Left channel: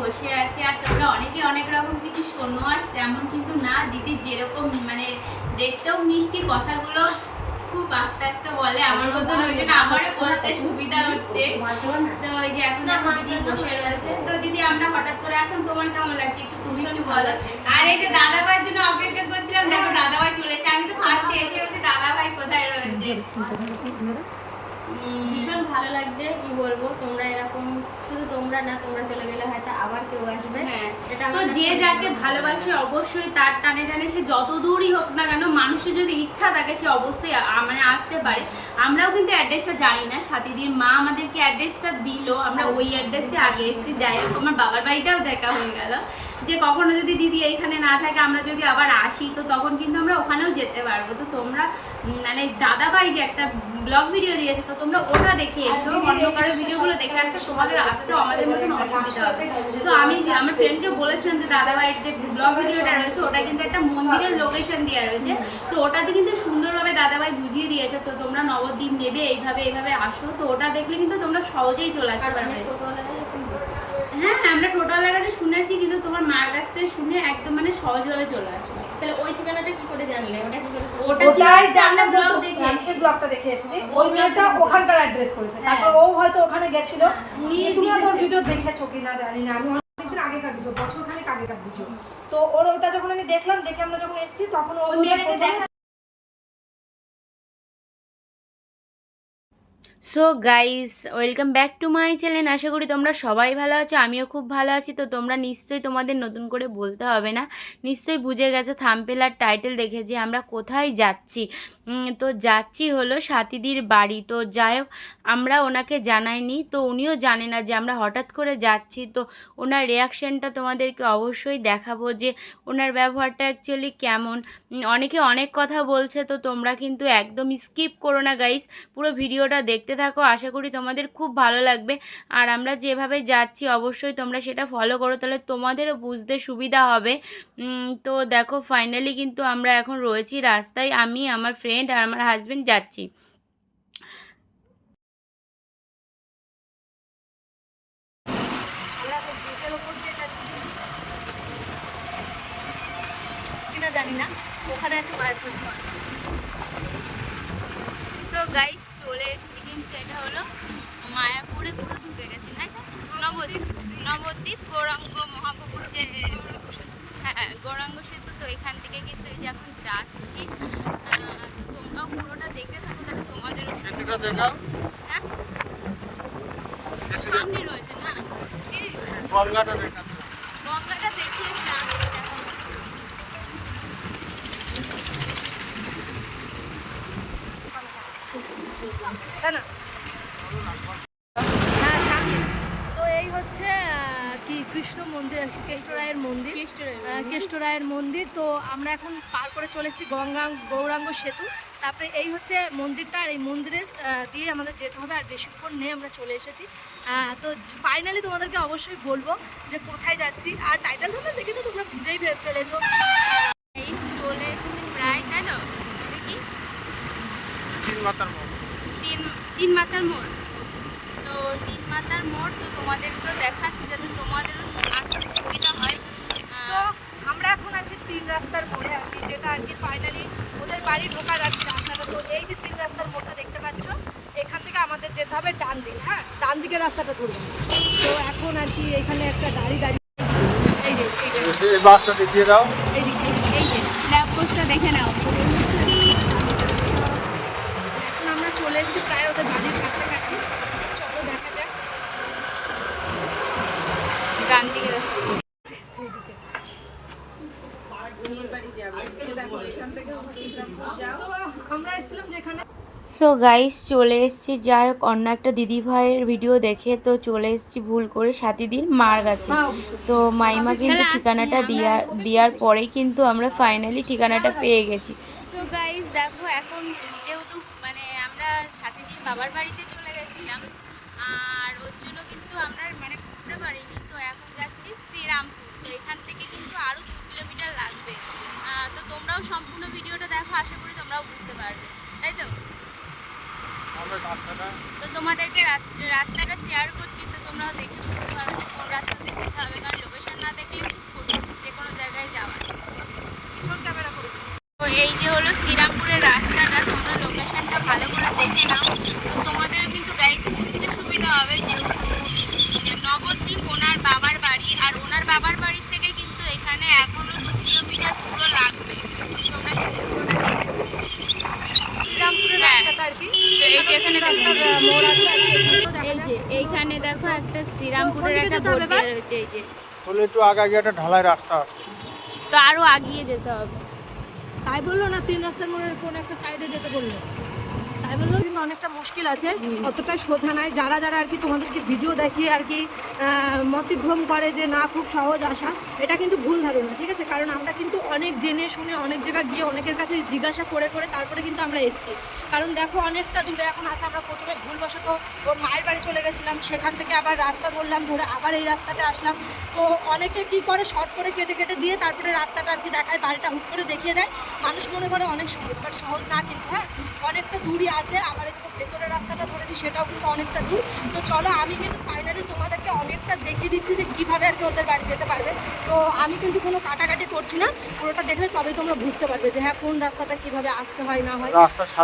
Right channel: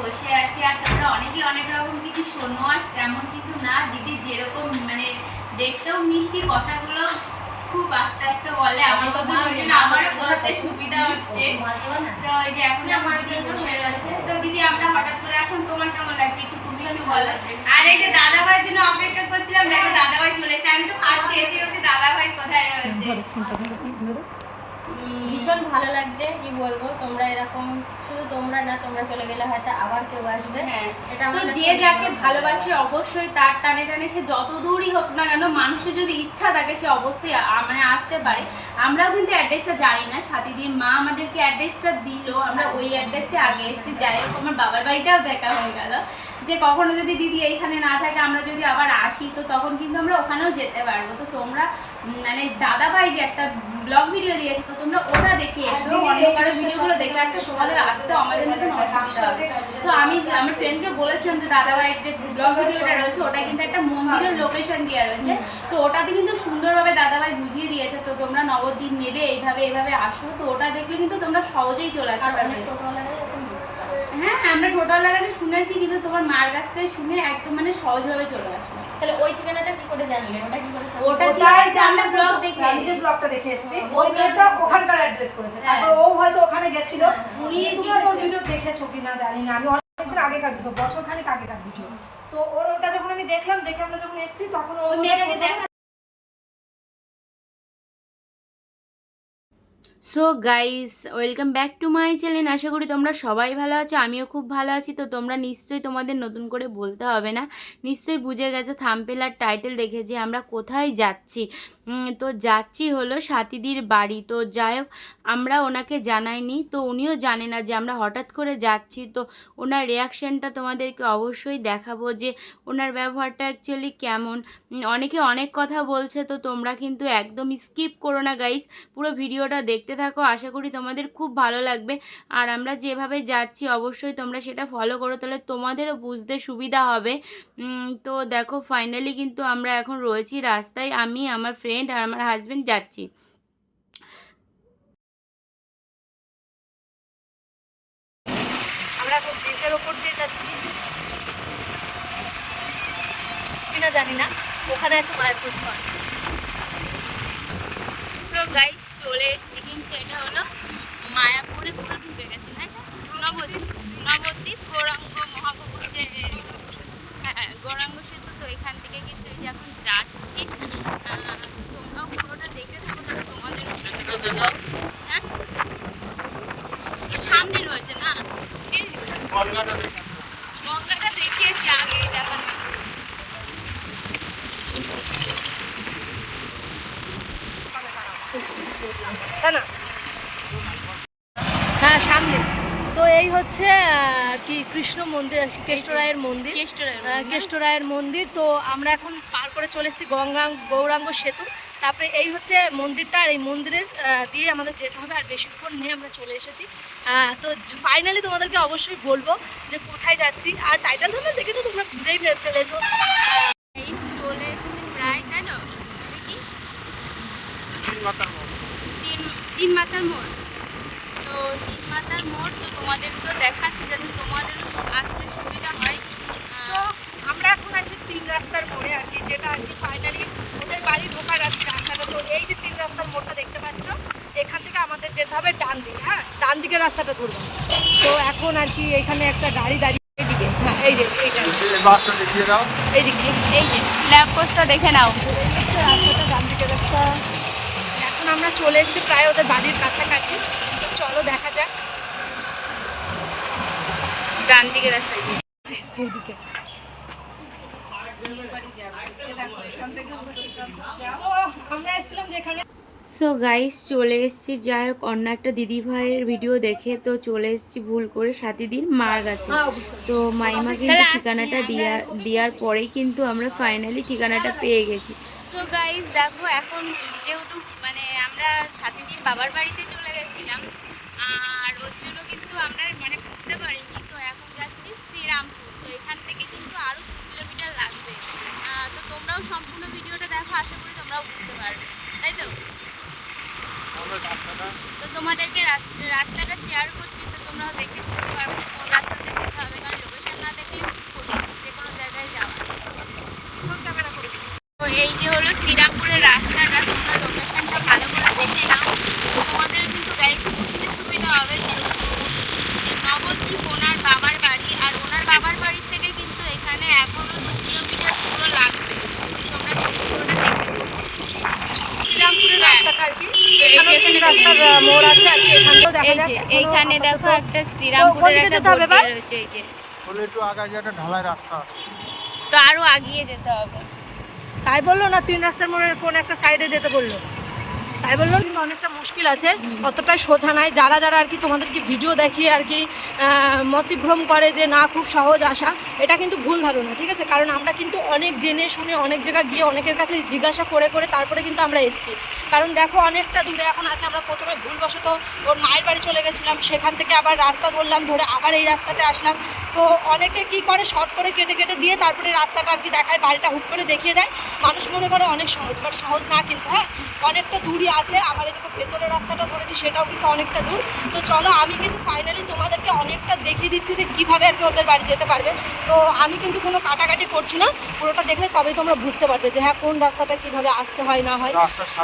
বসে আছি আর তোমরা অনেকে অনেক রকম কিছু শোনো আর তেমন কিন্তু না। দিদি যেরকম মানে দেখতেও মিষ্টি কথাগুলো খুব আস্তে আস্তে বলে। আমার মতো ওই জন্য আমারও বলতে সুবিধা হচ্ছে। তো এই যে এখন আমার দিদি বসে রয়েছে। তো দিদি আমরা হঠাৎ করে এখন তোমার কেমন লাগছে? একটু তুমি একটু বলো। আর এই যে দাদা ভাইয়ের জন্য অপেক্ষা করছিলাম দেখো দাদা ভাই চলে এসেছে। আমি তো ফার্স্টে এসে হচ্ছে দাদা ভাই কোথায় রয়েছে? ভীষণ ভালো লাগছে কি বলব? তোমরা এরকম শুধু তোমরা না তোমরা চলে গেলে হয়তো আবার কেউ আসবে। হ্যাঁ এটা তো যে যাকে ভালোবাসে অবশ্যই তার টানে টানে সে যত দূরই হোক না কেন মানুষের যদি ইচ্ছা থাকে সে অবশ্যই মানে আসতে পারে। আমরাও কিন্তু অ্যাড্রেসটা জানি না সাথীদির মা আমাদেরকে অ্যাড্রেসটা দিল আমরা ওই অ্যাড্রেসে আগে এসেছি। যাই হোক আমার বাবার বাড়িটাও দেখা হয়ে গেল। যে কখনো যদি দিদি এইখানে না থাকে আমরা যদি আবার আসি তো তখন কিন্তু আমরা ওখানেও যেতে পারব। তো তোমরা মানে দাদা ভাই যে একটা ব্লগ ভিডিও দিয়েছে তো তোমরা ওটা দেখে এসো অন্য কারও ভিডিওগুলো দেখে আসো তোমাদের আসতেও আমাদের মতন অসুবিধা হবে তো আমি আমার ফ্রেন্ডকে বলেছিলাম যে দাদা ভাইয়ের যে ব্লগ ভিডিওটা রয়েছে ওটা কিন্তু একটা মন্দিরের লোকেশন দেওয়া রয়েছে। তো ওটাতে কিন্তু সুন্দরভাবে দাদা ভাই বুঝিয়ে দিয়েছে তো তোমরা নবদ্বীপ নেবে এইভাবে এইভাবে আসো। তো ওটা দেখলে কিন্তু তোমরা সহজেই চলে আসতে পারবে অনেক টোটোওয়ালারাই এখন বুঝতে পারে হ্যাঁ আমরা টোটাল কাছে শুনেছি কিন্তু তোমার মার কাছ থেকে শুনে একদম মানে সহজভাবে চলে আসলো। তাহলে ওই ঠিকানাটা কি করে জানলে? ওটা কি করে ওটা কি আমরা ব্লগ দেখে আমি যে ব্লগটা দেখে এসেছি ওই ওই ব্লগটা ওখানকার অ্যাড্রেস করেছে। হ্যাঁ। তারপর ও হয়তো ওখানে গেছিল। উনি তুমি ওর ভিডিও দেখেছ কিনা জানি না আমি অনেকদিন আগেকার ভিডিও বছর খানেক আগেকার ভিডিও তো ওর ওটা যখন আমি দেখলাম দেখে আমরা যখন এসেছি তখন ও মেয়েটাকে দেখা so guys welcome back to my channel আশা করি তোমরা সবাই ভালো আছো, আমিও খুব ভালো আছি। তো তোমরা নিশ্চয়ই তোমাদের নতুন করে বলতে হবে না, নিশ্চয়ই বুঝে গেছো থাম্পেল আর টাইটেল দেখে যে আমরা কোথায় যাচ্ছি। তো যাচ্ছি হলো সাথীদির বাড়ি। তো যাই আমরা ওনাকে জানাইনি, তো উনিও জানে না যে আমরা হঠাৎ করে যাচ্ছি। তো ওনার রিয়াকশানটা তোমাদেরকে অবশ্যই দেখাবো যে ওনার ব্যবহারটা অ্যাকচুয়ালি কেমন। অনেকে অনেক কথা বলছে, তো তোমরা কিন্তু একদম স্কিপ করো না গাইস পুরো ভিডিওটা দেখতে থাকো। আশা করি তোমাদের খুব ভালো লাগবে। আর আমরা যেভাবে যাচ্ছি, অবশ্যই তোমরা সেটা ফলো করো, তাহলে তোমাদেরও বুঝতে সুবিধা হবে। তো দেখো ফাইনালি কিন্তু আমরা এখন রয়েছি রাস্তায়। আমি, আমার ফ্রেন্ড আর আমার হাজব্যান্ড যাচ্ছি। জানি না। ওখানে আছে মায়ের প্রস্তাব সো গাইস চলে এসেছি কিন্তু এটা হলো মায়াপুরে পুরো ঢুকে গেছে না? এটা নবদ্বীপ নবদ্বীপ গৌরাঙ্গ মহাপ্রভুর যে হ্যাঁ গৌরাঙ্গ সেতু তো এখান থেকে কিন্তু এই যে এখন যাচ্ছি আহ, তো তোমরাও পুরোটা দেখতে থাকো তাহলে তোমাদেরও সুবিধা হবে। হ্যাঁ তো সামনে রয়েছে না কি? গঙ্গাটা দেখিয়েছি আগে দেখানো তাই না হ্যাঁ সামনে তো এই হচ্ছে আহ, কি কৃষ্ণ মন্দির আর কি কেষ্টরায়ের মন্দির কেষ্টরের আহ, কেষ্টরায়ের মন্দির তো আমরা এখন পার করে চলে এসেছি গঙ্গা গৌরাঙ্গ সেতু। তারপরে এই হচ্ছে মন্দিরটা আর এই মন্দিরের দিয়ে আমাদের যেতে হবে আর বেশিক্ষণ নিয়ে আমরা চলে এসেছি। তো ফাইনালি তোমাদেরকে অবশ্যই বলব যে কোথায় যাচ্ছি আর টাইটেল ধরে দেখে তো তোমরা বুঝেই ফেলেছো। এই চলে এসেছি প্রায় তাই তো? এটা কি? তিন তিন মাথার মোড়। তো তিন মাতার মোড় তো তোমাদেরকেও দেখাচ্ছি যাতে তোমাদেরও আসতে সুবিধা হয় তো আহ, আমরা এখন আছি তিন রাস্তার মোড়ে আর কি যেটা আর কি ফাইনালি ওদের বাড়ি ঢোকার আর কি রাস্তাটা। তো এই যে তিন রাস্তার মোড়টা দেখতে পাচ্ছ এখান থেকে আমাদের যেতে হবে ডান দিকে হ্যাঁ? ডান দিকের রাস্তাটা ধরবো। তো এখন আর কি এখানে একটা গাড়ি দাঁড়িয়ে এই যে। এই যে। ল্যাব পোস্টটা দেখে নাও এই ডান দিকের রাস্তা। এখন আমরা চলে এসেছি প্রায় ওদের বাড়ির কাছাকাছি। তো চলো দেখা যাক। ডান দিকে রাস্তায় এদিকে আমরা এসেছিলাম যেখানে সো গাইস চলে এসেছি। যাই হোক অন্য একটা দিদি ভাইয়ের ভিডিও দেখে তো চলে এসেছি ভুল করে সাথীদিন মার গেছে তো মাইমা কিন্তু ঠিকানাটা দিয়া দেওয়ার পরেই কিন্তু আমরা ফাইনালি ঠিকানাটা পেয়ে গেছি। সো গাইস দেখো এখন যেহেতু মানে আমরা সাথীদির বাবার বাড়িতে তোমরাও সম্পূর্ণ ভিডিওটা দেখো আশা করি তোমরাও বুঝতে পারবে। তাই তো? তো তোমাদেরকে রাস্তাটা শেয়ার করছি তো তোমরাও দেখে বুঝতে পারবে যে কোন রাস্তা দেখে যেতে হবে কারণ লোকেশন না দেখলে যে কোনো জায়গায় যাওয়া তো এই যে হলো শ্রীরামপুরের রাস্তাটা তোমরা লোকেশনটা ভালো করে দেখে নাও। তোমাদের কিন্তু গাইড বুঝতে সুবিধা হবে যেহেতু নবদ্বীপ ওনার বাবার বাড়ি আর ওনার বাবার বাড়ির থেকে কিন্তু এখানে এখনও দু কিলোমিটার পুরো লাগবে। এই যে এখানে এখানে মোড় আছে আর কি। এখানটাও দেখা এই যাক যে এখনো- এইখানে দেখো একটা শ্রীরামপুরের কোন দিকে একটা হবে বোর্ড রয়েছে এই যে। একটু আগে গিয়ে একটা ঢালাই রাস্তা তো আরও আগিয়ে যেতে হবে। তাই বলল না তিন রাস্তার মোড়ের কোন একটা সাইডে যেতে বলল? তাই বলল কিন্তু অনেকটা মুশকিল আছে অতটাই সোজা নাই। যারা যারা আর কি তোমাদেরকে ভিডিও দেখিয়ে আর কি মতিভ্রম করে যে না, খুব সহজ আসা এটা কিন্তু ভুল ধারণা, ঠিক আছে? কারণ আমরা কিন্তু অনেক জেনে শুনে অনেক জায়গায় গিয়ে অনেকের কাছে জিজ্ঞাসা করে করে তারপরে কিন্তু আমরা এসেছি। কারণ দেখো অনেকটা দূরে এখন আছে আমরা প্রথমে ভুলবশত ওর মায়ের বাড়ি চলে গেছিলাম সেখান থেকে আবার রাস্তা ধরলাম ধরে আবার এই রাস্তাতে আসলাম। তো অনেকে কি করে শর্ট করে কেটে কেটে দিয়ে তারপরে রাস্তাটা আর কি দেখায় বাড়িটা হুট করে দেখিয়ে দেয়। মানুষ মনে করে অনেক সহজ বাট সহজ না কিন্তু হ্যাঁ? অনেকটা দূরই আছে আমার এদিকে ভেতরের রাস্তাটা ধরেছি সেটাও কিন্তু অনেকটা দূর। তো চলো আমি কিন্তু ফাইনালি তোমাদেরকে অনেকটা দেখিয়ে দিচ্ছি যে কীভাবে আর কি ওদের বাড়ি যেতে পারবে। তো আমি কিন্তু কোনো কাটাকাটি করছি না পুরোটা দেখলে তবেই তোমরা বুঝতে পারবে যে হ্যাঁ কোন রাস্তাটা কীভাবে আসতে হয় না হয়।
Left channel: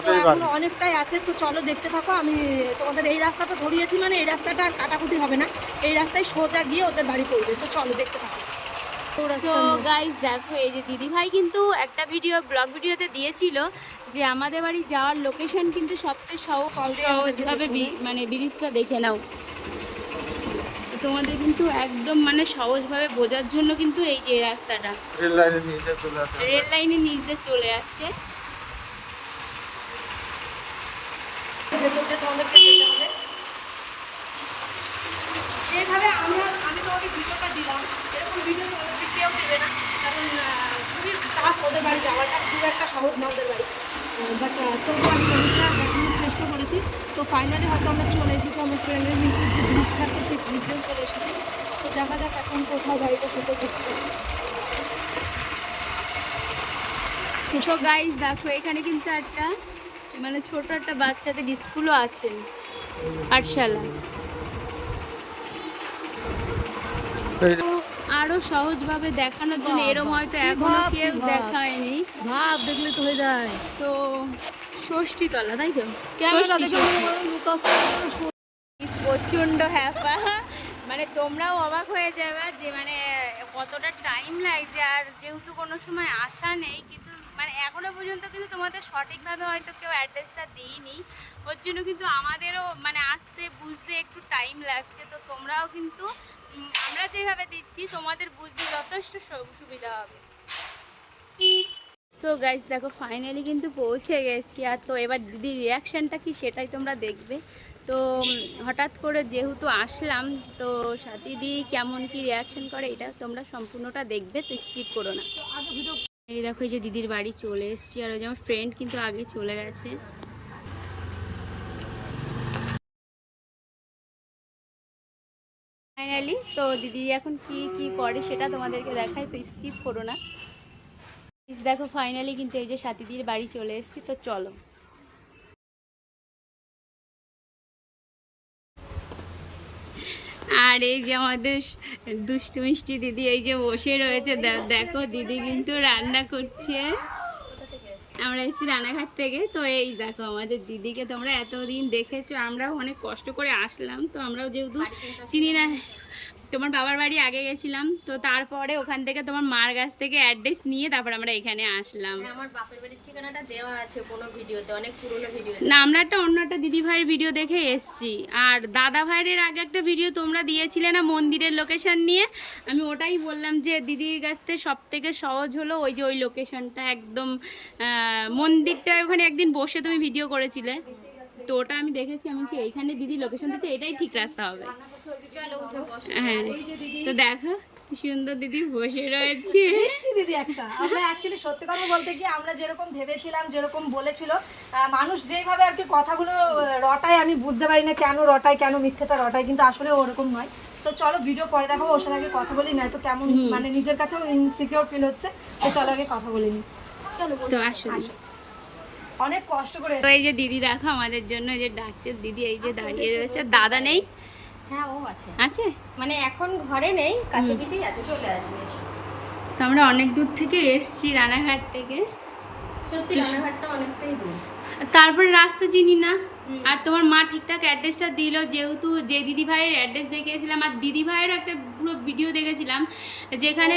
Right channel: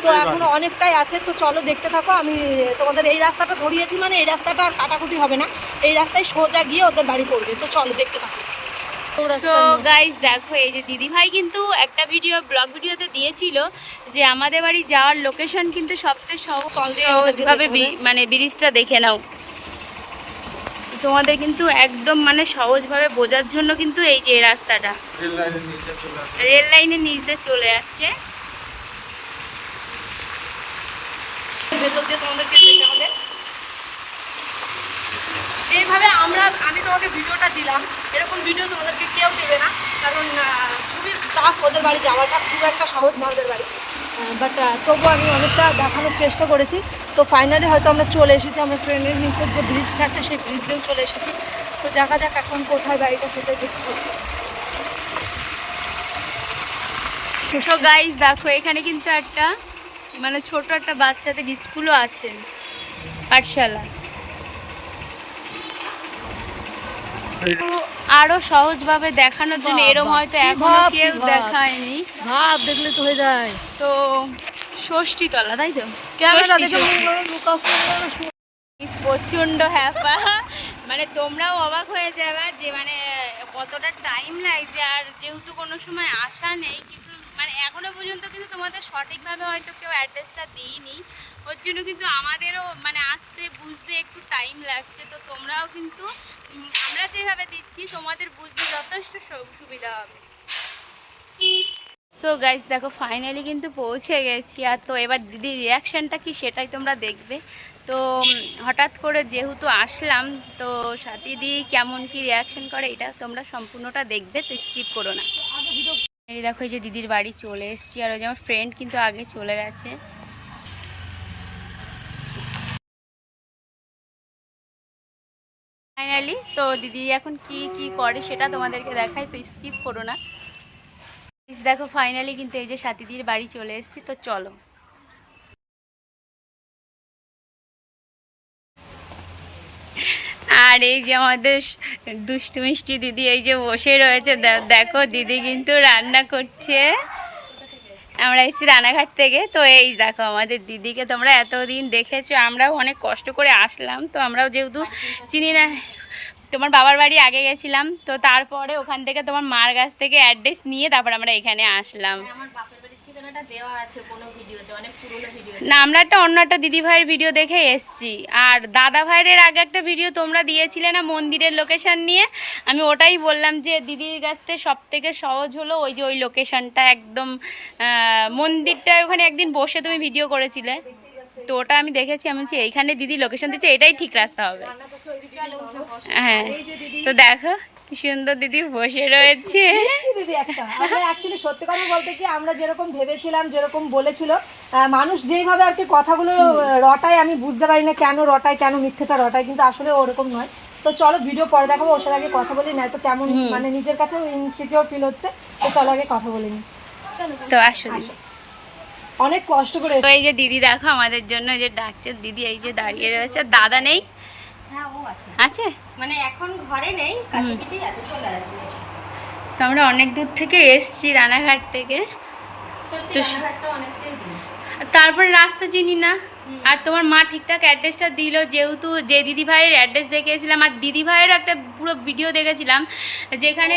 তো সাথে এখনও অনেকটাই আছে তো চলো দেখতে থাকো। আমি তোমাদের এই রাস্তাটা ধরিয়েছি মানে এই রাস্তাটা আর কাটাকুটি হবে না। এই রাস্তায় সোজা গিয়ে ওদের বাড়ি পড়বে তো চলো দেখতে থাকো। সো গাইস দেখো এই যে দিদিভাই কিন্তু একটা ভিডিও ব্লগ ভিডিওতে দিয়েছিল যে আমাদের বাড়ি যাওয়ার লোকেশন কিন্তু সবথেকে সহজ সহজভাবে বি- মানে ব্রিজটা দেখে নাও। তোমাদের কিন্তু একদম মানে সহজভাবে বোঝার জন্য কিন্তু এই যে এই রাস্তাটা। রেল লাইনের নিচ দিয়ে চলে যাচ্ছে। ভেতর হবে। যেভাবে আমরা, আমি তোমাকে ভিডিওটা দিলাম। এরকম ভিডিও তোমাদেরকে কেউ দেবে না, কারণ খুবই টাফ ওদের বাড়ি যাওয়াটা, খুব একটা সহজ না ওদের বাড়ি। বাট তবুও আমি অনেকটা দেখানোর চেষ্টা করেছি। তো ফাইনালি হয়তো আমরা চলে এসেছি, আমরা ট্রেনের নিচের যে ব্রিজটা আছে সেই ব্রিজেও চলে এসেছি। তো দেখা যাক এখন কোথায় বাড়িটা সেটাই দেখতে হবে। সো গাইস দেখো, এখানে কিন্তু একটা মানে ছোট একটা বাচ্চাদের স্কুলও আছে পাঠশালা। আরও সহজভাবে দেখানোর জন্য এরম হয়তো এখনও কেউ দেখায়নি। ভাব দেখলে তো হয়ে যায়। তো ষষ্ঠী তলা তাই তো প্রচণ্ড হ্যাপা। মানে তোমরাও অবাক হয়ে যাবে যে মানে কতটা টাইম লাগছে আর যেহেতু কোনো সময় আসা নেই কিন্তু মানে এখনও পর্যন্ত কিন্তু তোমাদের সঠিকভাবে হয়তো কেউ অ্যাড্রেসটা দিইনি। ওর জন্য কিন্তু আমাদেরও মানে আসতে, বুঝতে একটু টাইম লাগছে। তো তোমরাও কিন্তু আমরা যেভাবে দিচ্ছি, তোমাদের বুঝতে যথেষ্ট সুবিধা হবে। সো গাইস দেখো ফাইনালি কিন্তু পৌঁছে গেছি। আর তো এবার দিদির রিয়াকশানটা কি সেটাই তোমরা দেখবে। তো হঠাৎ করে যেহেতু আসলাম, তো সাথীদি কেমন কি রিয়াকশন করে, এটা তোমরা সম্পূর্ণটা দেখবে, তো স্কিপ করো না। এই দেখো, এই যে দিদির বাড়ি চলে এসছি, আর ওই যে আমার ফ্রেন্ড কিন্তু আগে চলে গেছে। ফাইনালি তো দিদি এখন কি কি করে সেটা তোমাদেরকে দেখাই, তো স্কিপ করো না। দেখো ফাইনালি কিন্তু এই যে সাথীদির বাড়ি চলে এসছি, তো চলো। আর এই যে আমাদের দুষ্টু মিষ্টি দিদি এই যে বসে রয়েছে দেখো দিদি কিন্তু রান্না করছে। আমরা এসেছি রানাঘাট থেকে। তো এই দেখো আমাদের দিদিকে তোমরা এতদিন দেখেছ, আমরাও অনেক কষ্ট করে আসলাম। তো আমরাও যেহেতু চিনি না, তোমার বাবার বাড়ি আগে গেছিলাম। তো তারপরে ওখান থেকে তোমার মার কাছ থেকে অ্যাড্রেস নিয়ে তারপর আমরা এখানে আসলাম আমার বাপের বাড়ির ঠিকানাটা দেওয়া আছে কোনো ভিডিওতে অনেক পুরোনো ভিডিও। না আমরা একটা অন্য একটা দিদি ভাইয়ের ভিডিও দেখে এসছি। আর দাদা ভাইয়ের আগে একটা ভিডিও তোমরা দিয়েছিলে না মন্দিরের লোকেশন নিয়ে? আমি ওটাই বললাম যে দিদির কাছ থেকে সব থেকে সহজ হলো ওই যে ওই লোকেশনটা একদম আহ, মন্দিরটা ওখানে একদিন বসে তুমি ভিডিও করেছিলে। তো ওটা আমি দেখেছি আমি বলছি এইখানে দিদি লোকেশন দিচ্ছে এটাই ঠিক রাস্তা হবে। হ্যাঁ তো দেখো। কি সুন্দর দিদি বসে রয়েছে। দিদি একটা? অ্যাকচুয়ালি সত্যি কথা বলতে কি আমরা যেরকম ভেবেছিলাম যেরকম বলেছিল মানুষ যেইভাবে আর কি কথাগুলো রটায় আমি বুঝতে পারি না কেন রটায় কেন মিথ্যেটা রটায় কিন্তু আসলে ওরকম নয়। তো চলো ভিডিও পরে দেখাবো ওর সাথে আগে কথা বলি নাই তো কেমন মানে নিজের কাছেও ইনসিকিউর ফিল হচ্ছে তো চলো আগে কথা বলি নি। তো আসো অনেক কষ্ট করে তো এই যে দিদি দেখো আমাদের জন্য এই যে ডাকছে দিদি এই যে দাঁড়িয়ে রয়েছে দাদা নেই আছে। আছে? মানে এখন ঘরে নেই কাছে পিঠেই আছে চলে আসবে তো আমরা অনেক দূর থেকে এসছি রানাঘাট থেকে। তারপরে রাস্তা চিনি না। আর তোমার মা ঠিকঠাক অ্যাড্রেসটা দিল যেহেতু যে দিদি ভাইয়ের অ্যাড্রেস দেখেছিলাম আর দিদি ভাইয়েরও একটা পুরো ভিডিও দেখেছিলাম যেখানে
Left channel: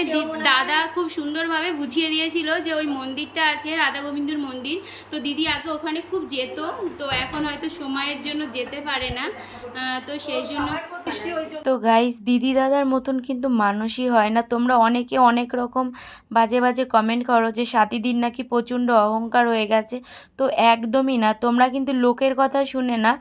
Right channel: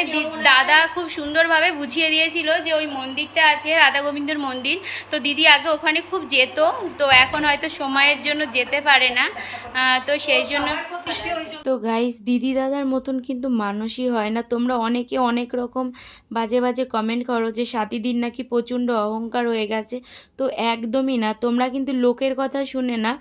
দাদা খুব সুন্দরভাবে বুঝিয়ে দিয়েছিল যে ওই মন্দিরটা আছে রাধা গোবিন্দর মন্দির। তো দিদি আগে ওখানে খুব যেত তো এখন হয়তো সময়ের জন্য যেতে পারে না। তো সেই জন্য তো গাইস দিদি দাদার মতন কিন্তু মানুষই হয় না। তোমরা অনেকে অনেক রকম বাজে বাজে কমেন্ট করো যে সাথীদিন নাকি প্রচণ্ড অহংকার হয়ে গেছে। তো একদমই না, তোমরা কিন্তু লোকের কথা শুনে না,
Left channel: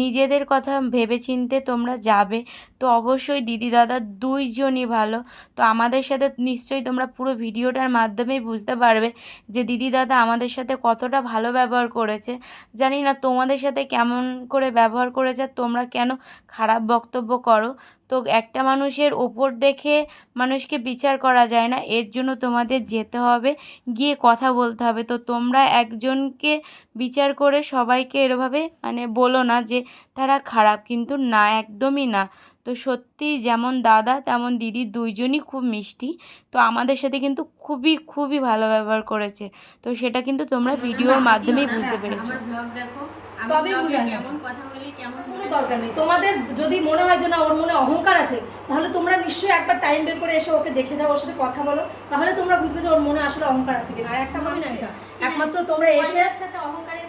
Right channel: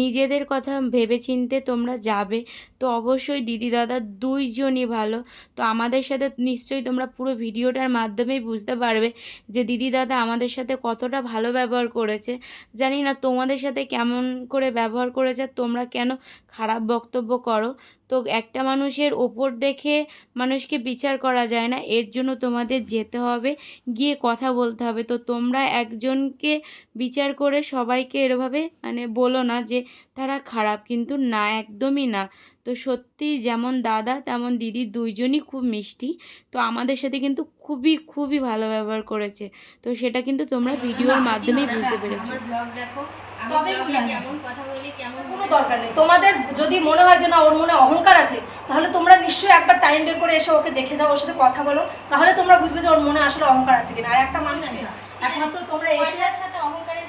নিজেদের কথা ভেবেচিন্তে তোমরা যাবে। তো অবশ্যই দিদি দাদা দুইজনই ভালো। তো আমাদের সাথে নিশ্চয়ই তোমরা পুরো ভিডিওটার মাধ্যমেই বুঝতে পারবে যে, দিদি দাদা আমাদের সাথে কতটা ভালো ব্যবহার করেছে। জানি না তোমাদের সাথে কেমন করে ব্যবহার করেছে, তোমরা কেন খারাপ বক্তব্য করো। তো একটা মানুষের ওপর দেখে মানুষকে বিচার করা যায় না এর জন্য তোমাদের যেতে হবে গিয়ে কথা বলতে হবে। তো তোমরা একজনকে বিচার করে সবাইকে এরভাবে মানে বলো না যে তারা খারাপ কিন্তু না একদমই না। তো সত্যি যেমন দাদা তেমন দিদি দুইজনই খুব মিষ্টি। তো আমাদের সাথে কিন্তু খুবই খুবই ভালো ব্যবহার করেছে। তো সেটা কিন্তু তোমরা ভিডিওর মাধ্যমেই বুঝতে পেরেছ। দেখো। তবে কেমন কথা বলি কেমন কোনো দরকার নেই। তোমাদের যদি মনে হয় যে না ওর মনে অহংকার আছে তাহলে তোমরা নিশ্চয়ই একবার টাইম বের করে এসে ওকে দেখে যাও ওর সাথে কথা বলো। তাহলে তোমরা বুঝবে যে ওর মনে আসলে অহংকার আছে কিনা। আর একটা মানুষ না। একমাত্র তোমরা এসে সাথে অহংকারের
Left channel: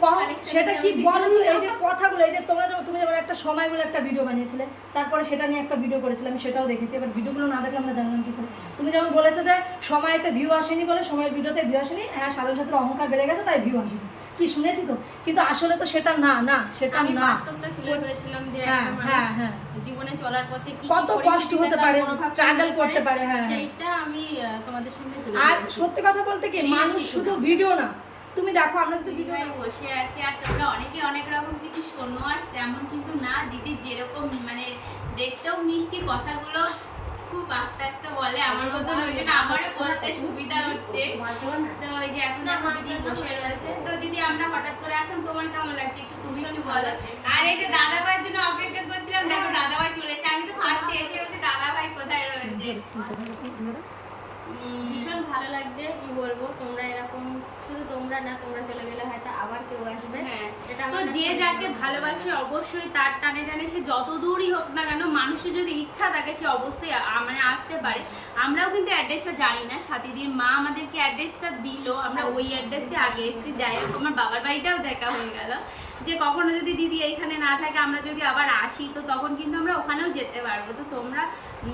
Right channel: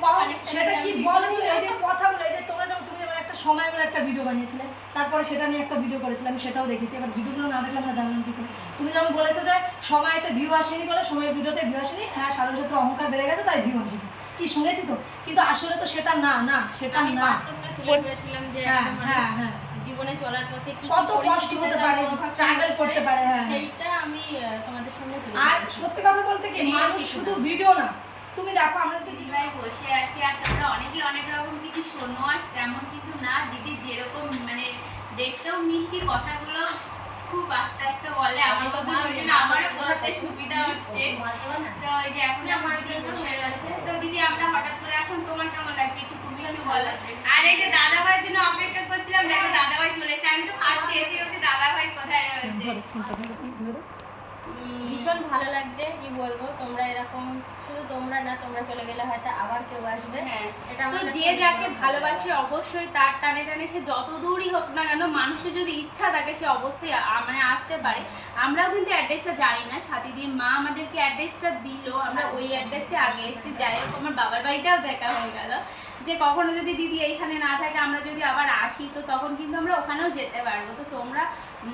সেটা কি বলো? এই যে কথাগুলো এই যে তোমরা তুমি যেমন একটা সময় বলে একটা ভিডিও বানিয়েছিলে তারপরে সেটা নিয়ে একটা ভিডিও করেছিলাম সেটাও দেখেছি। এবার ভিডিওগুলো না দেখলে আমরা জানলাম কি করে। তুমি যেমন বলেছ যে সময়তে ভিউ আসেনি বলে সময়ের ভিডিওতে ভিউ আসেনি। হ্যাঁ সাধারণ অহংকার বেড়ে গেছে তাই ভিউ আসেনি। কি শুনেছি তো? কিন্তু আসলে তো সেটা না না সেটা না। বাস্তবটা ক্লিয়ার করেছিলাম যে হ্যাঁ, হ্যাঁ, হ্যাঁ। জীবনে চলার পথে কত কষ্ট হতে পারে, চলতে করতে পারে, হ্যাঁ, হ্যাঁ। সেইটা আমি তোমাদের সামনে আর সত্যি কথা বলতে কি মানুষ শুধু ভিডিও না। তুমি দেখো আমরা যদি দিদিভাই বসে আছি আর তোমরা অনেকে অনেক রকম কিছু শোনো আর তেমন কিন্তু না। দিদি যেরকম মানে দেখতেও মিষ্টি কথাগুলো খুব আস্তে আস্তে বলে আমার মতন ওই জন্য আমারও বলতে সুবিধা হচ্ছে। তো এই যে এখন আমার দিদি বসে রয়েছে। তো দিদি আমরা হঠাৎ করে এখন তোমার কেমন লাগছে? একটু তুমি একটু বলো। আর এই যে দাদা ভাইয়ের জন্য অপেক্ষা করছিলাম দেখো দাদা ভাই চলে এসেছে। আমি তো ফার্স্টে এসে হচ্ছে দাদা ভাই কোথায় রয়েছে? ভীষণ ভালো লাগছে কি বলব? তোমরা এরকম শুধু তোমরা না তোমরা চলে গেলে হয়তো আবার কেউ আসবে। হ্যাঁ এটা তো যে যাকে ভালোবাসে অবশ্যই তার টানে টানে সে যত দূরই হোক না কেন মানুষের যদি ইচ্ছা থাকে সে অবশ্যই মানে আসতে পারে। আমরাও কিন্তু অ্যাড্রেসটা জানি না সাথীদিন মা আমাদেরকে অ্যাড্রেসটা দিল। আমরা ওই অ্যাড্রেসে আগে এসেছি যাই হোক আমার বাবার বাড়িটাও দেখা হয়ে গেল। যে কখনো যদি দিদি এইখানে না থাকে আমরা যদি আবার আসি তো তখন কিন্তু আমরা ওখানেও যেতে পারব। তো তোমরা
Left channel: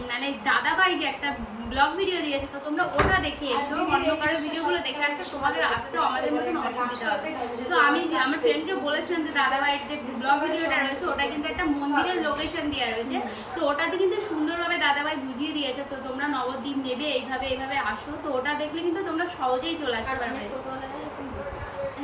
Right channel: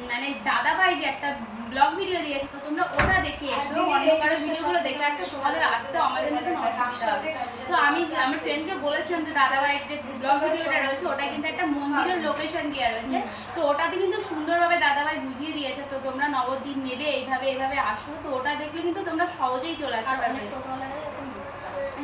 মানে দাদা ভাই যে একটা ব্লগ ভিডিও দিয়েছে তো তোমরা ওটা দেখে এসো অন্য কারও ভিডিওগুলো দেখে আসো তোমাদের আসতেও আমাদের মতন অসুবিধা হবে। তো আমি আমার ফ্রেন্ডকে বলেছিলাম যে দাদা ভাইয়ের যে ব্লগ ভিডিওটা রয়েছে ওটা কিন্তু একটা মন্দিরের লোকেশন দেওয়া রয়েছে। তো ওটাতে কিন্তু সুন্দরভাবে দাদা ভাই বুঝিয়ে দিয়েছে তো তোমরা নবদ্বীপ নেবে এইভাবে এইভাবে আসো। তো ওটা দেখলে কিন্তু তোমরা সহজেই চলে আসতে পারবে।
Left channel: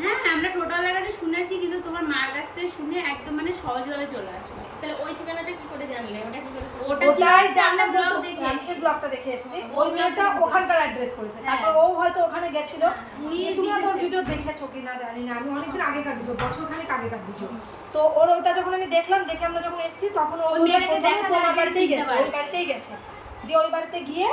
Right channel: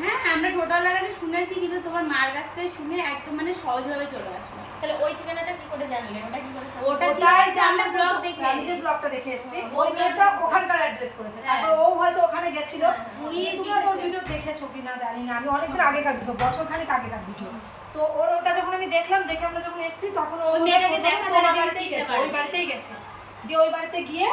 হ্যাঁ আমরা টোটাল কাছে শুনেছি কিন্তু তোমার মার কাছ থেকে শুনে একদম মানে সহজভাবে চলে আসলো তাহলে ওই ঠিকানাটা কি করে জানলে? ওটা কি করে ওটা কি জানলে ব্লগ ব্লগ দেখে আমি যে ব্লগটা দেখে এসেছি ওই ব্লগটা ওখানকার অ্যাড্রেস করেছে। হ্যাঁ। তারপর ও হয়তো ওখানে গেছিল। উনি তুমি ওর ভিডিও দেখেছ কিনা জানি না। আমি অনেকদিন আগেকার ভিডিও বছর খানিক আগেকার ভিডিও তো ওর ওটা যখন আমি দেখলাম দেখে আমরা যখন এসেছি তখন ও চিনতে গেছে ওই গাড়িতেই গেছে। দিয়ে ওই বাড়িতে গিয়ে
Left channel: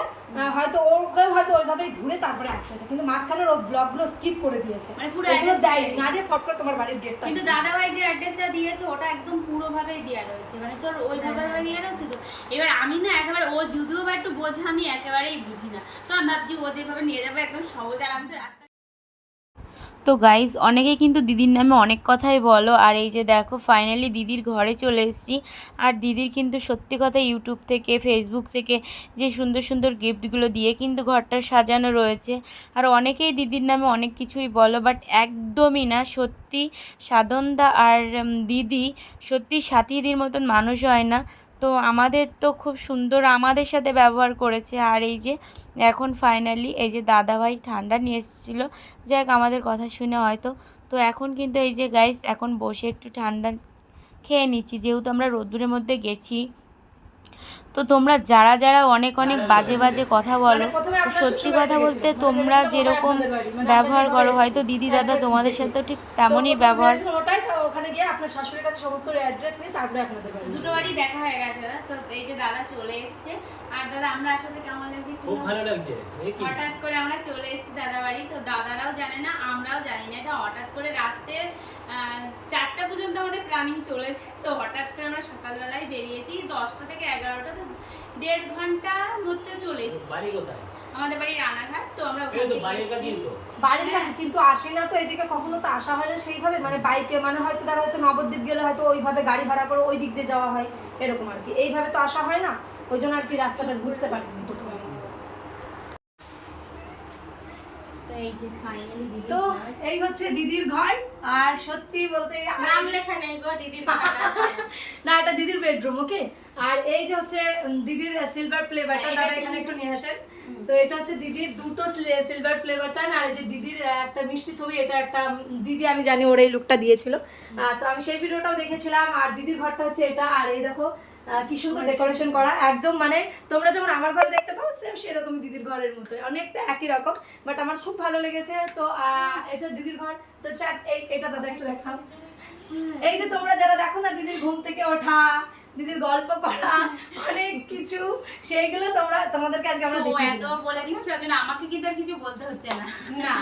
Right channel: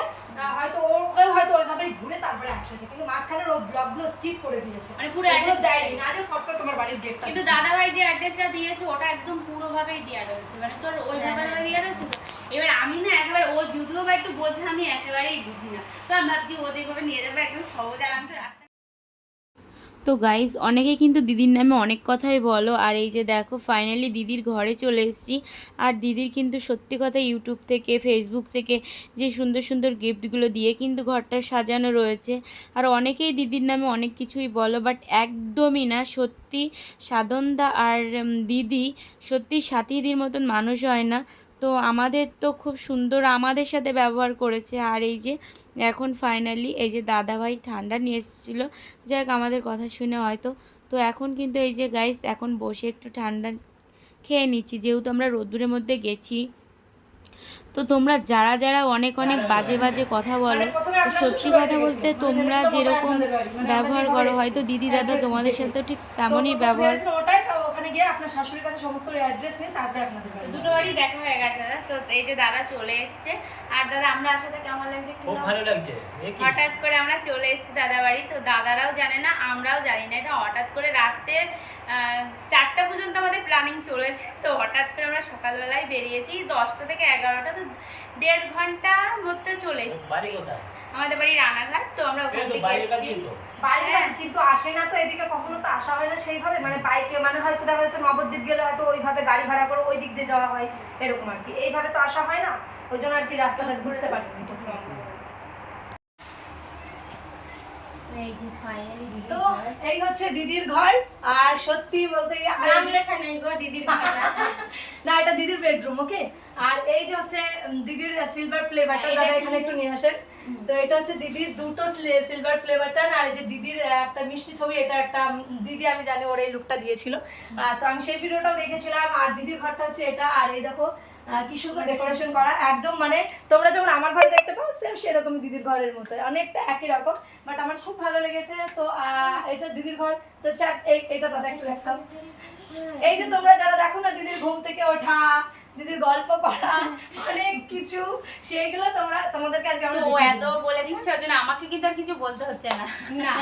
হয়তো ওকে হয়তো ওইভাবেই ঘুরে তারপরে আসতে হয়েছে কিন্তু মাঝখানের ও ব্লগগুলো স্কিপ করে দিয়েছে। মানে পুরো অ্যাড্রেস দেয়নি। না দিয়ে ফট করে তোমার বাড়ির গেটটা কিন্তু দাদা ভাই যে অ্যাড্রেসটা দিয়েছে ওটা একদম পুরোভাবেই দেওয়া রয়েছে। মানে তোর ওইভাবে দেয়া দেওয়া রয়েছে তো? এবার আমি না একেবারে ও যদিও বা একটু বোঝে আমি একেবারেই বুঝি না। তো আমি ভাবছি ও যেভাবে নিয়ে যাবে একদম সহজ। আর আমি তো রাস্তা তো গাইজ অনেকে কিন্তু দিদির নামে অনেক কথাই বলো। আর এই যে দেখো ফাইনালি দিদির ঘরে চলে এসেছি। আর দিদির কিন্তু সত্যি কথা ইউটিউব থেকে ফেসবুক থেকে যে সুন্দর সুন্দর গিফটগুলো দিয়ে কিন্তু ঘরটা সাজানো রয়েছে। আর অনেকেই দিদির নামে অনেক কিছুই বলো বাট একদমই না। সত্যি সাধনদা আর দিদি সত্যি সাথীদির মতন মানুষ হয় না। তো আমাদের তো খুব সুন্দর আমাদের সাথে ব্যবহার করেছে। আর এই যে এখন ফাইনালি এই যে দাদাভাই ঠান্ডা নিয়ে এসেছিল। যাক, আমাদের কথা শুনে হয়তো। তো এখন কিন্তু এই যে গাইস এখন বসে একটু ঠান্ডা খেয়ে নিচ্ছি। যেহেতু আমরা রোদ্দুরের মধ্যে গেছি তো তোমরা যারা যারা অনেক অনেক বাজে বাজে কথা বলো সত্যি কথা বলতে তোমরা যেরকম ব্যবহার করো হয়তো দিদি দাদা তোমাদের সাথেও ঠিক তেমনই ব্যবহার ওটাই তো ওখানে গিয়ে আপনার শাশুড়ির কাছে সমস্ত অ্যাড্রেস নিয়ে তারপরে আপনাদের বাড়ি। দুটো বাড়ি দেখা হয়ে গেছে দাদা। তো এই যে দাদা চলে এসছে। আর দাদা আমরা আসলে কেমন লাগছে খুব ভালো লাগছে হঠাৎ করে আমরা চলে এসেছি দাদা বাড়ি তো দাদারাও জানে না আমরাও জানি না। এটা হঠাৎ করে চারটা পর্যন্ত আমাদের প্ল্যানিং চলেছে। তো হঠাৎ করে আমরা সকালবেলায় বেরিয়েছি দশটা থেকে এগারোটা তো দেড় ঘণ্টার মধ্যে চলে এসেছি। আমাদের বাড়ি রানাঘাট তো আমরা ওখান থেকে এসেছি। বাড়ির হ্যাঁ। কাছে কিন্তু আসে না তো এদিকে কখনো তো আসা হয় না সেইভাবে। মানে বাইকে মানে হয়তো দেখা যাচ্ছে নবদ্বীপ গেলে হয়তো ওইভাবে গাড়ি ভাড়া করে ওই দিক দিয়ে যাওয়া হয় এরকম আর কি। এইভাবে তো আসা হয় না ওই জন্য আর কি রাস্তাটা বুঝতে পারি তো। তো এই যে ফাইনালি তো এই হচ্ছে দিদির ঘর আর সত্যি বলতে লেখা নেই গো দিদির। না এটা দিদির বেডরুম ওকে আর এই যে হচ্ছে দিদির সিলভার ফ্লেভারটা দাদা এখানে একটু নিয়ে আসেন। তো এটা হচ্ছে দিদির দুটো সিলভার ফ্লেভারটা আর এই যে দিদির একটা মিষ্টি ছবি এটা একটা দিদি আমি জানি ওর এই লুকটা দিয়েছিল। তো আমি সেই ভিডিওটাও দেখেছিলাম আর দিদির ঘরটা হচ্ছে এটা আর এই দেখো কি সুন্দর ডেকোরেশন করা। একদম মানে তোমরা যখন আমার ঘরে দেখতে পাও সেম সেরকম দিদির ঘরের মতো অনেকটা একই রকম বাট আমার খুব ভালো লেগেছে। তো আহ, এটা দিদির ঘর তো চার এটা দাদা একটু দেখাও। এই যে তোমরা যারা দেখো না দিদির ঘুম থেকে ওঠা দিদির গল্প করা অনেক কিছু সেইগুলো তোমরা তোমাদেরকে আজকে আমরা তো এত বলে দিচ্ছে ওই জন্য আমাকে কিন্তু আর কিছু বলতে হচ্ছে না। না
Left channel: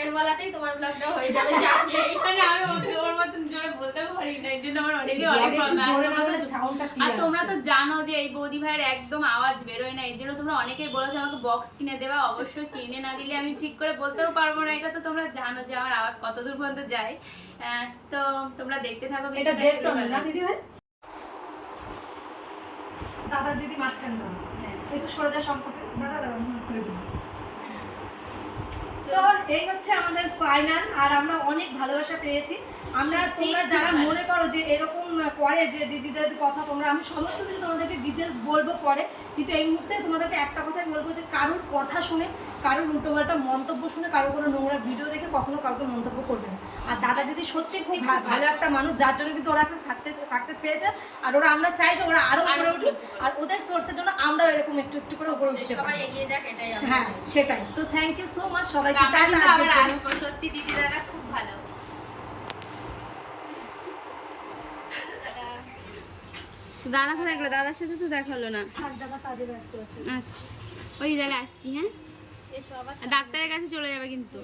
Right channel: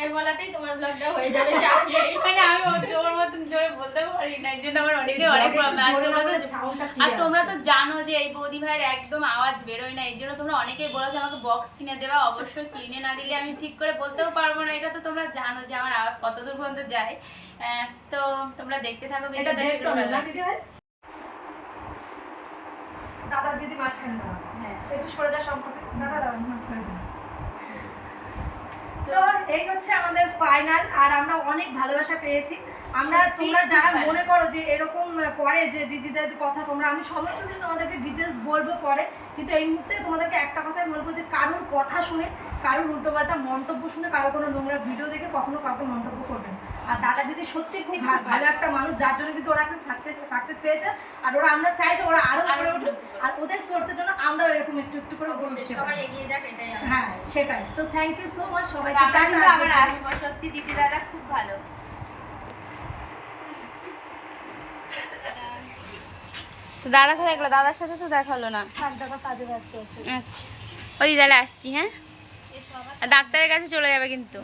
এর বলাতেই তোমার ব্লগটা হয়ে যাবে মানে আমি ওর মতন জোরে বলতে পারি না এই জন্য আমার অনেকে অনেক problem। আর তোমরা তো soundটা আর তোমরা তো জানো যে এই বৌদি ভাইয়ের একদম আওয়াজ বেরোয় না এই জন্য তোমরা অনেকেই বলেছ আমাকে বক্স কিনে দেওয়া অবশ্যই কিনে না দিলে আমি ঠিক করে বলতেও পারব না এটা তো তোমরা জানো যে আমার আওয়াজ কত দূর পর্যন্ত যায়। আহ, তো তোমরা দেখতে থাকো এটা ভিডিওটা দেড় শুরু টন না দিদি ভাই? দাদা দিদি মাঝখানে দাও হ্যাঁ। একটু যা সম্পর্কে দাদা দাও মাঝখানে দাও তো এই হচ্ছে আমাদের ফাইনাল আর আমরা অনেক ভালোবাসা পেয়েছি। আমরা তোমরা যারা মনে করো যে এরকম করে যে দিদিদের কথা তোমরা আমি সমস্ত কিছু তোমাদেরকে ডিটেলস বলব পরে কিন্তু এই মুহূর্তে তোমাদেরকে একটা কথাই বলব যে কারোর কথা শুনে কারোর উল্টোপাল্টা মন্তব্য শুনে কারও কোনো নোংরা ভিডিও দেখে কখনো কাউকে মন্তব্য করবে না। আর দাদা দিদি সত্যি খুব ভালো একটা মানুষ যার জন্য কিন্তু ওরা একটা সাকসেস সাকসেস পেয়েছে আর ওরা আমরা চাই যে ওরা আরও উপরে উঠুক। আর ওদের সোর্সের জন্য আমরাও এরকম একটু একটু করে উপরে উঠতে সবাই পারি। এগিয়ে যাক এটাই হ্যাঁ সেটাই। তো থ্যাংক ইউ সো মাচ সবাইকে। আমরা সত্যি দিদি দাদা খুব ভালো। তো দাদা কোথায় গেলো? দাদার সাথে তো দেখা হলো না। থাক দাদা কাজে ব্যস্ত আছে। আচ্ছা। ওই তাহলে আসছি হ্যাঁ? ডাক্তারের কাছে চলে যাবে কিন্তু।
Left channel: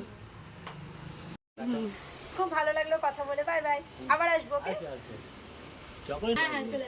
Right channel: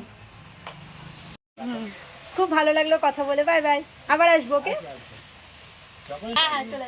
খুব ভালো লাগল কথা বলে। Bye bye. আবার আসব ওকে? হ্যাঁ হ্যাঁ চলে